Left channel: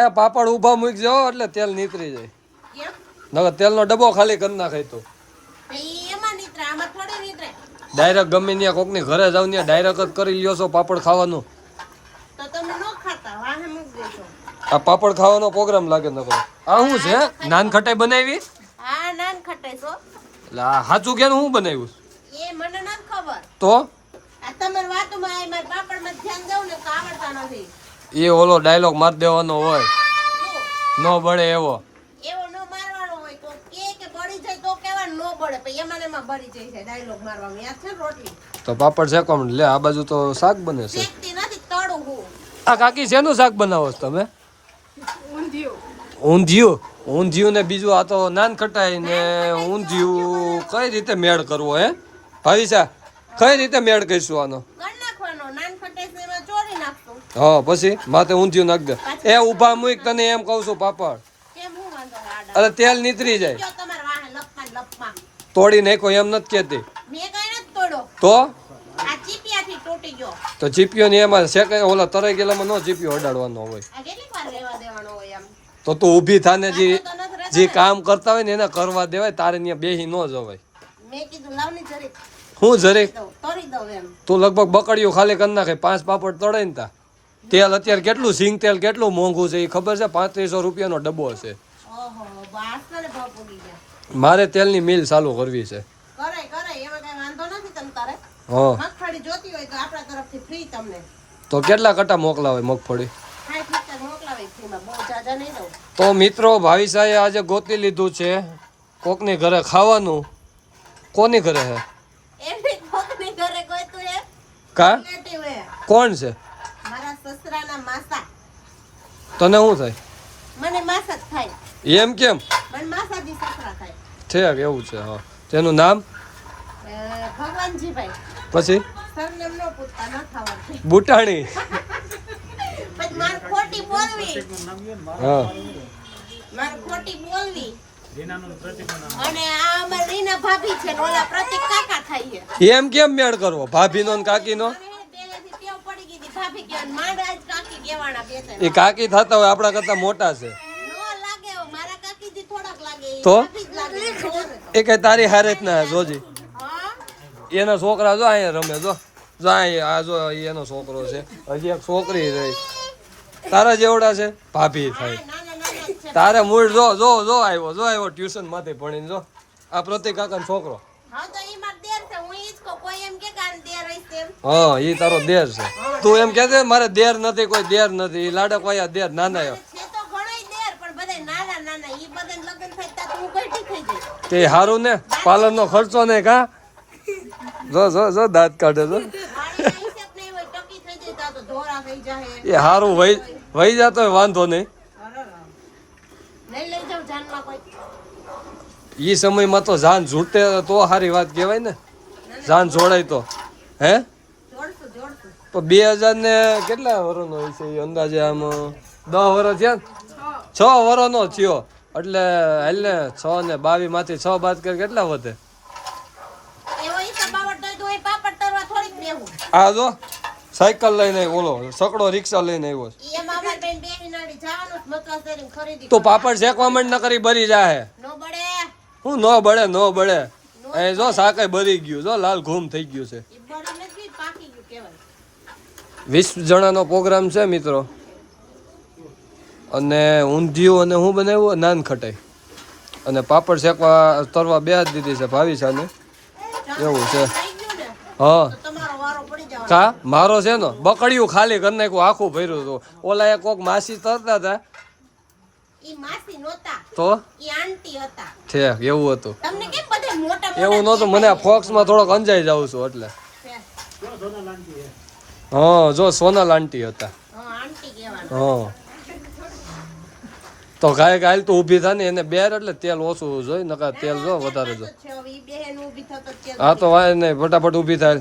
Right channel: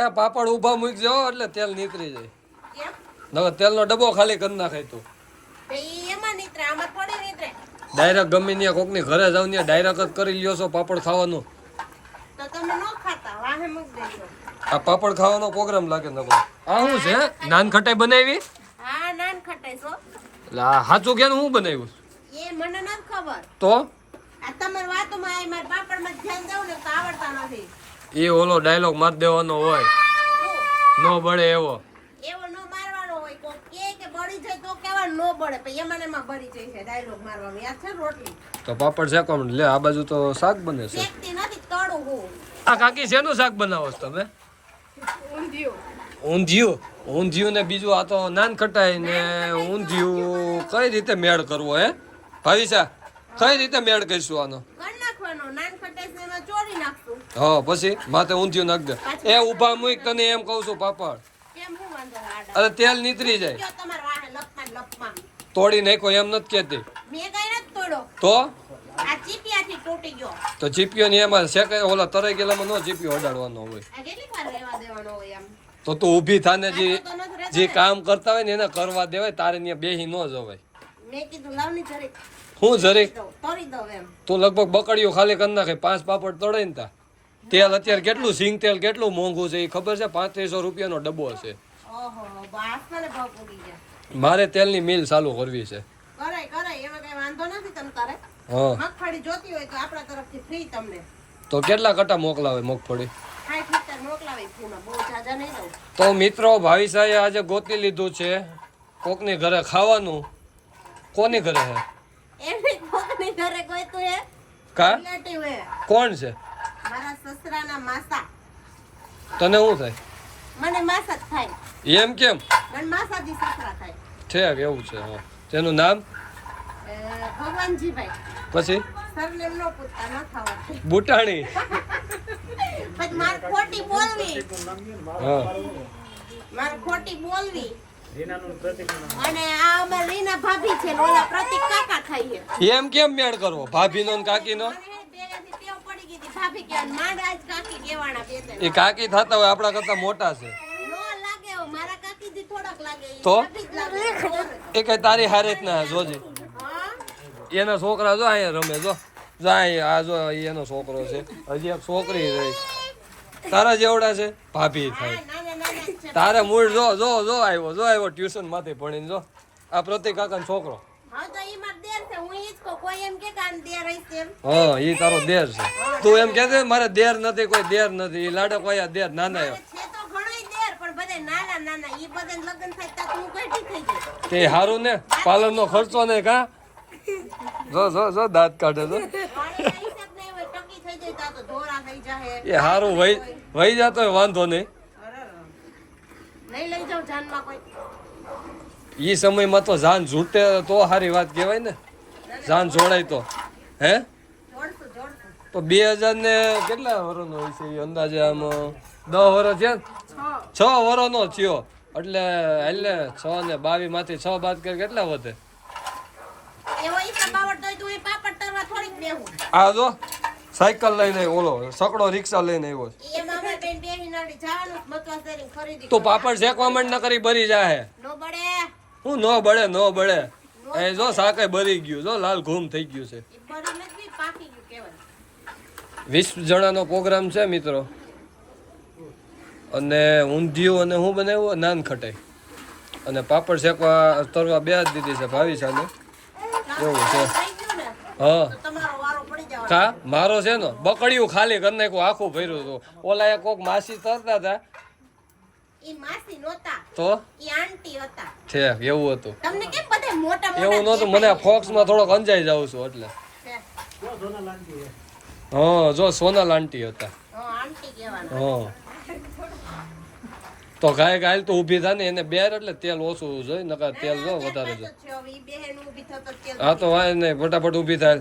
એ પાપડ ઊભા મૂકી જાઓ એટલે તેલ નીતરી જાય. કેમ? નકર તેલનો ડબ્બો ખાલી કરી નાખે તો તો ઈ એમાં નીતરે, આમાં થોડી નીતરે. ડાયરેક્ટ ગમે ત્યાં કોકની ઘરે જાવ ત્યાં ડાયરેક્ટ જ કરી લ્યો છો પાપડ ખાવાનું. તો તમે ન ખાતા, વાહે મૂક દેજો. આ પાપડ ખાવાનો પ્રોગ્રામ લાગે નકરો. આ શું છે? નાન ખટાઈ બનાવી? હા, નાન ખટાઈ છો. એટલે આ સાચું કે હું બનાવ્યું એ મને નથી ખબર. તો આ તમારી વાતોમાં આ મારા પાપડમાં ધ્યાન દેવું ને તો આવડતા નથી. એ ઓલો ડાયલોગ માર દેવાનો હોય, શું? નો બળે એવો. એવો નો મારવાનો હોય તો કે બળી જાય તો કેવા નો બળે, પછી એમાં ને એમાં બળી જાય છે ડાયલોગ મારવાનો. યાદ છે રોટલી? તો પાપડ શેકવા માંડ. લે આ બાજુ તો શાક બને છે. શેકતી નથી, તળું હું. આ કાકી શેનું શાક બનાવો છો તમે? ઊંધિયું. ઊંધિયું. ઊંધિયું ને બીજું આ તો નાન ખટાઈ ને ઊંધિયું કઈ રીતે મેળ કરવો હે ભાવિસા? કઈ રીતે મેળ કરીશું આનો? કર નાખવાનો, નાન ખટાઈ છે એમાં ચોળી નાખશું. હા પછી માથે ઊંધિયું નાખ દે. એ ઊભા મૂક, તને એમ કહું છું પાપડ. કેમ હું વાંધો છે આડા? અરે તેલ નીતરી જાય. જો તમારા વાહે લપમાં ને લપમાં. તોડી નાખો એમ નથી કેતી મેં કઈ નથી તોડ્યો. તો આ ચીપિયાથી તૂટી ગયો. તો ચીપિયો ને એમાં શેકાય ઓલા તરાઈ ગયેલામાં નો ચીપિયો અડાડવાનો હોય. આ કેટલી વાર રહેવા દેવાનો હોય એમ? તો તું ઊભી થાને જે તો નથી રહેતો જે ને. કામ કરતા હોય ને એને કરવા દેવાય. તારે ત્યાં બેહી ન જવાય. મેં કીધું લાવની જરીક હું જરીક તળી દઉં એમ. તું લગભગ બકડીયું ખાલી કરી નાખે. 5 પાપડ તળાય ને તા તેલ અત્યારે કેટલું સિંગ તેલ કેટલું મોંઘું છે એ ખબર છે? 3500 રૂપિયાનો ડબ્બો હશે. ઓહો, બાસને ભાવ પૂરી ગયા. મારે તેલની મિલ ચાલુ કરવી છે. કરાય કરાય, એમાં કઈ વાંધો નથી. તમ તારે હા મગફળી જોતી હોય તો આપણા તરફથી ફ્રી તમને. તો કેટલા કટા મોકલાવે મગફળી? 60 મોકલાવી ફ્રીમાં, બહુ જાજા નહીં દઉં. તો મિત્રો ભાવિસાએ આજે ગોતી લીધું છે કોકની ઘરે ખાવાનું. કોની ઘરે હે? એમની કોકની ઘરે કોઈ તું એ કા રિલેટિવ હે. કોણ છે? મારા સસરાના માસા. તને શું થાય? મને માસા જ થાય. એમ કેમ મને માસાજી સસરા થાય. છે? એવું છે. હા તેનું નામ ભગવાનજીભાઈ. પછી સરનેમ નો પૂછતા, ન ખાવડતું. બુટાણી. પછી માર ખોટી બોલવી, હા માર ખોટી બોલવી. અને આ અમાર રીના ભાભી છે ને ઓલા પ્રતિક કાકા થાય છે. એમ કેમ મેળ કરવો ભાભીનો ને કાકીનો? મારે પહેલેથી ટેવ પડી ગઈ હતી ભાભી કહેવાની, માંડ આજ કાકી કહેવાના બે ત્રણ. એ કાકી થતા હોય આપણા કરતા મોટા છે. નો લાગે હવે, મારા કાકીજી થોડાક લાગે, ઈ તો? ભાભી જ લાગે. એ કઈ તારી હારે જ ના જોજી. હા, એનો છોકરા જો અહીંયા રમે જો. જો અહીંયા આ જો એનો છોકરો છે. હજી એક છોકરી છે. તારા જેવડા છે ભાભી થાય. નાના નાના જ છે. તારે મૂળ જો જો જો આવ્યો ટ્યુશન માંથી ભણીને જો. આ પ્રતિક કાકાનો છોકરો. હા તો ઈ માર દેર છે, હું ઈ જ કહું. કોઈ એમ કે કાન દેર હશે એમ. હા ઈ તારો દેર છે. તું એમ કે મારે દેર નથી, કોઈ દેર નથી. ઈ લાડક વાયા દેર નાના છે તો ઘણોય દેર, પણ બધાય નાના નાના. ઈ બધાને લગ્ન થાય ત્યાં તો હું ગઈઠી થઈ જઈશ. તે હારું ને પાલનનો ખર્ચો ને કા જો જો જો દાંત કાઢે જો. મારે હિસાબ નહીં હોય, ટકી થઈ જાય ત્યાં તો ધોરા થઈ જાય. એ હારું વહી જતો હોય વાંધો નહીં. નહીં લઈ જાઉં જાનમાં કોઈ. ઈ સમયમાં તો જાન છૂટે તો સારી વાત કહેવાય ને. જાન જોડાય તો હે જોડશું જોડશું. તો 2000 ને કેટલા વર્ષનો હોય છે ઈ અંદાજે? આમ 10 વર્ષ થયા ને? 6 વર્ષનો થયો એટલે એટલે 6 ને 22 માંથી 6 બાદ કરી કેટલા વધે? એવો હિસાબ આવડતો હોય તો હું પાપડ તરવા થોડીક બેહું. આ જો સાયકલ લઈને ઓલો સકડો રિક્ષા લઈને આવ્યો છે. એમાં અમારે બેન બેહી નાડી જવાનું મકવા કરીને ખરીદી તો પાપડ શેકવા માંડ ન કરી બરી જાહે. નો બળે. હું નો બળે એ જો સાકાય બરી ગયું જો લાલ ઘૂમ થઈ ગયું છે. ઈ બળી નથી, પાકી ગયું કહેવાય. 20 જણાનો પ્રોગ્રામ છે મિત્રો. અને ઊંધિયું અને હું બનાવ્યું નાન ખટાઈ અને પાપડ શેકવા તરવા બે જ દીધી છે ભાવિસાને. એવું છે. થઈ ગયું ને હા તો તમારો વારો પડી જવાનો. કા મારો છે ને બકડિયું ખાલી કરી નાખ્યું આખું ભર્યું હતું. ઓલા એક કોક માસી તરતા હતા ઈ માસી નહોતા, તો ઈ આંટી હતા. છે એવું હતું. તમને કેમ બધા મોટા મોટા એવું નહોતું. મને ફોક્સમાં થોડોક અંજાઈ જાઉં છું એટલે. હા જો સોનલ આંટી હતા. હા આંટી કહેવાનું. હા તો ગાય તો ઊભી થાય ને એને બેર એટલે તેલ ઓછું જોઈ નકર તેલ જો વધારે જો. છે હવે ઈ બેહેન ઊભી થતો તેલ હા તો વાય નહીં ફટાફટ ઊભી થાય.